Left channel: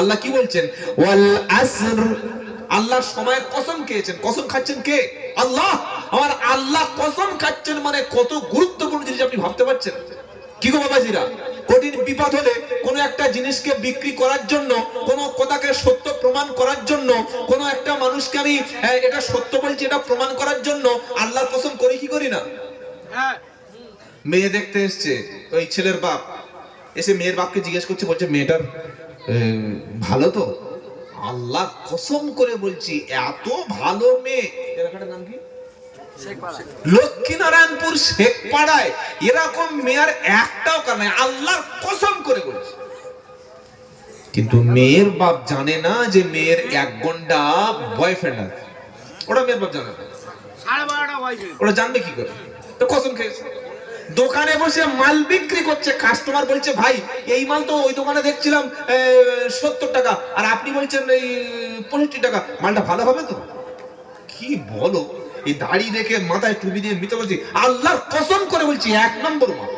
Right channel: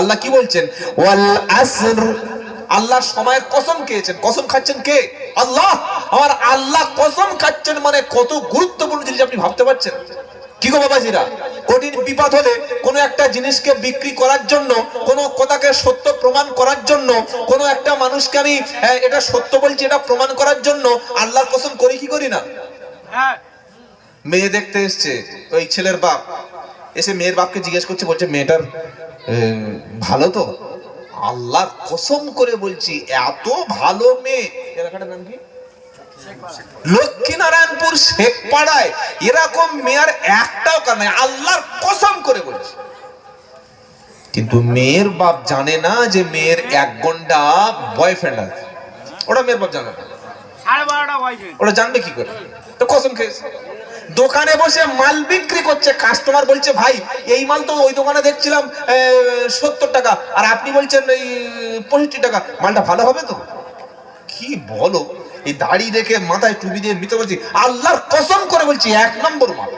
আল্লাহ কি বলছেন? ওয়াল আসর আল্লাহ সময়ের কসম খেয়েছেন। কসম খাচ্ছেন কে? আল্লাহ! আমার আল্লাহ কসম খাচ্ছেন মানে কত গুরুত্বপূর্ণ জিনিস আপনি ভাবতে পারছেন। কি গো বাবাজিরা? কঠিন বিপদ হলে কোনো একটা জিনিসকে বিক্রি করার জন্য কোনো কথাকে সত্য প্রমাণ করার জন্য কোনো একটা মানুষকে আমি এটা সত্য বলছি এটা প্রমাণ করার জন্য আল্লাহর কসম করি কি করি না? হ্যাঁ। মেয়ে দেখতে এসছে ওই ছেলের বাপ। এসে মেয়ের বাপকে জিজ্ঞেস করছে বলছে মেয়েটার ভালো তো? আল্লাহর কসম করে বলছি এত ভালো মেয়ে। এলাকাটার নাম কি? লক্ষ্মীনারায়ণপুর শেখ পাড়ায় এরকম মেয়ের একটাও কার নাই। আল্লাহর কসম করে বলছি। কিন্তু মেয়ের বাপ জানে না যে মেয়ের এক ঘণ্টা বয়ফ্রেন্ড আছে। ওটা মেয়ের বাপ জানে না। ওরা জানবে কি করে? তো কসম খেয়েছে। দোকানে বসে মাল বিক্রি করছে কাস্টমার বলছে, ভাই, এই মাল তো ওই দোকানে দেখছিলাম সত্তর টাকা, আর আপনি বলছেন এই পঁয়ষট্টি টাকা, মালটা ভালো হবে তো? কি বলো? এই দাড়ি দেখে মাথায় টুপি দিয়ে মিতে বলছি আল্লাহর কসম করে বলছি, এক নম্বর মাল।